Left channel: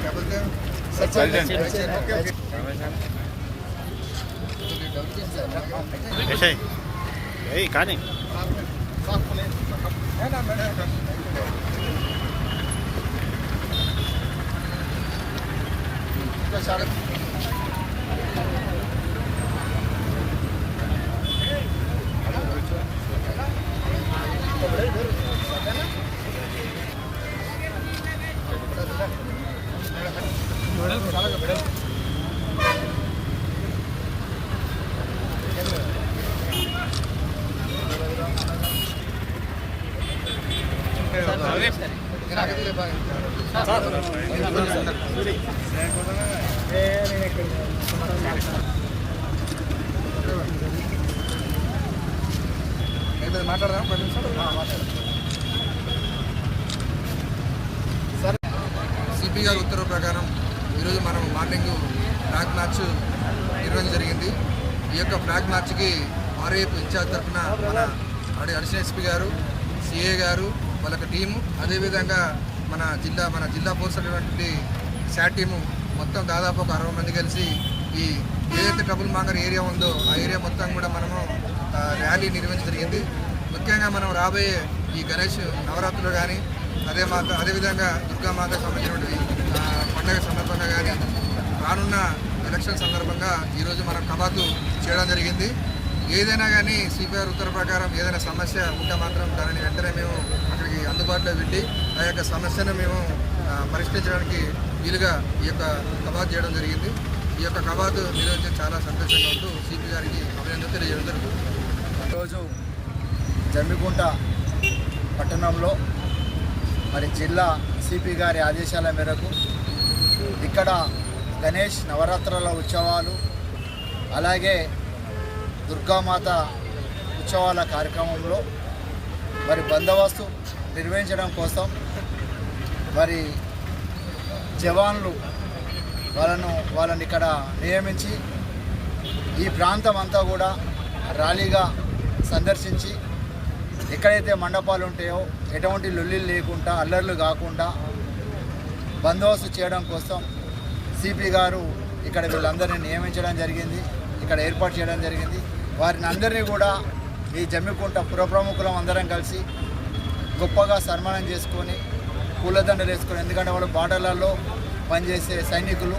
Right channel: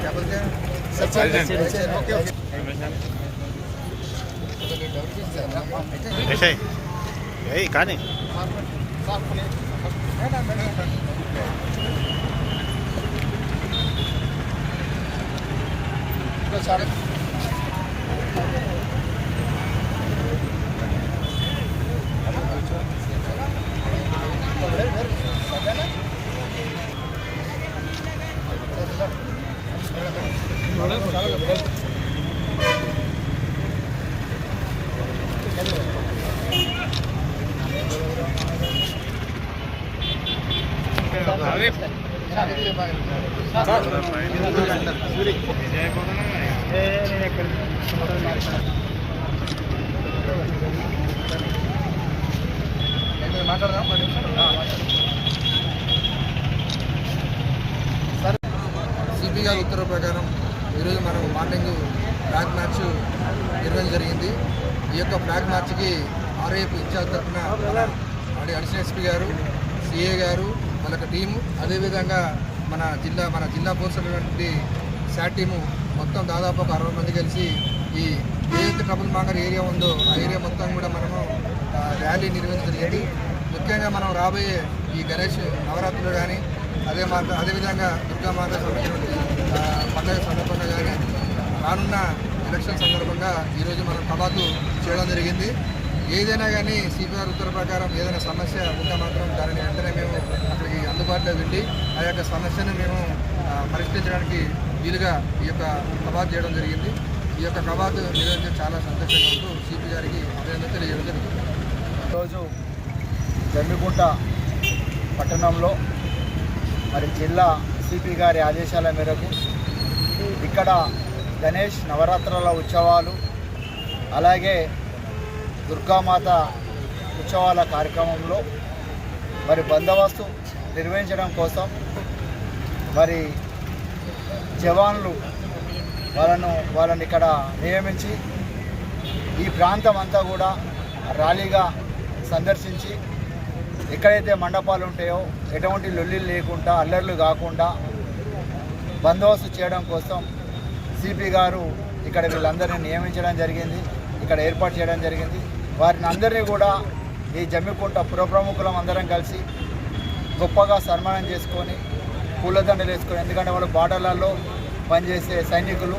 क्या बोलते हैं ऐसे यही कहानी సిపి గారి ఉత్తర్వు ప్రకారం ఈరోజు మనం మార్నింగ్ ఫ్లాగ్ మార్చ్ నిర్వహించడం జరిగింది. ఈ యొక్క ఫ్లాగ్ మార్చ్కి ఆర్ఐఎఫ్ ఇన్ఛార్జ్ తరఫున మన అడిషనల్ ఎస్పీ గారు, సిఏ గారు, వాళ్ళ టీము, అదేవిధంగా మన జిల్లా ఫోర్స్ అనేటువంటి శాట్ టీము మొత్తం దాదాపు ఒక 60 మంది కలిసి ఈ ఏదైతే ట్రబుల్ మాంగర్ ఏరియా ఉందో ఆ ఏరియా మొత్తం కూడా మనము ర్యాలీ నిర్వహించడం జరిగింది. ముఖ్యంగా మనం రాబోయే ఈ గణేష్ నవరాత్రులు కానీ అదేవిధంగా దుర్గామాత సంబంధించినటువంటి పండుగ సందర్భంగా కానీ రానున్న ఎలక్షన్ సందర్భంగా ఈరోజు మనం కవాతు చేయడం జరిగింది. ఏదైనా కానీ సిపిఆర్ ఉత్తర్వు ప్రకారం ఏదైనా సమస్య ఉంటే మాత్రం దానిని వెంటనే మేము అక్కడికి అందుబాటులో వెళ్ళి ఆ యొక్క సమస్యను మేము పరిష్కరించడానికి వీలుగా ఈ యొక్క కవాతు చేయడం జరిగింది. ఈ యొక్క కవాతు నిర్వహించడం చాలా సంతోషంగా ఉంటూ సిపి గారికి అభినందన తెలియజేయడం జరుగుతుంది. ఈరోజు జమ్మికుంట పట్టణంలో జిల్లా సిపి గారి ఆదేశాల మేరకు ఇక్కడ గణేష్ నవరాత్రుల ఉత్సవాలు, అలాగే దుర్గామాత ఉత్సవాల కార్యక్రమంలో బందోబస్తు నిర్వహించడం కోసం జవాన్లు వాళ్ళని ఇక్కడ నియమించి ఈ ప్రాంతం అంతా కూడా ర్యాలీగా సందర్శించి ఎక్కడైతే మండపాలు ఉంటాయో ఎటువంటి లొల్లిలు లేకుండా, అల్లర్లు కాకుండా బందోబస్తు చేయడం కోసం సిపి గారు ఇక్కడ వీళ్ళందరినీ నియమించడం జరిగింది, ఇక్కడ ఏర్పాటు చేయడం జరిగింది. వారిని అందరినీ కూడా ఈ జమ్మికుంట పుర ప్రముఖులం అందరం కలిసి గొప్పగా సన్మానం చేసుకొని పూలదండలు వేసుకొని, ఎందుకంటే వాళ్ళు బార్డర్లలో పనిచేసే సైనికులు,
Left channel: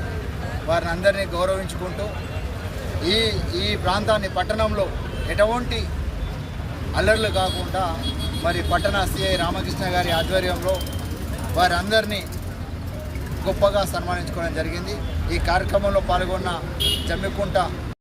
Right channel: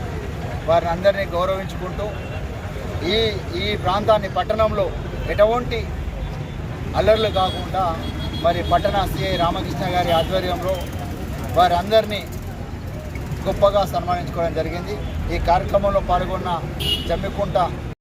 వారిని అందరినీ గౌరవించుకుంటూ ఈ ప్రాంతాన్ని పట్టణంలో ఎటువంటి అల్లర్లు కాకుండా పట్టణ సిఐ రామకృష్ణ గారి ఆధ్వర్యంలో వారందరినీ గొప్పగా సన్మానించుకోవడం జరిగింది. ఈ కార్యక్రమంలో పాల్గొన్న జమ్మికుంట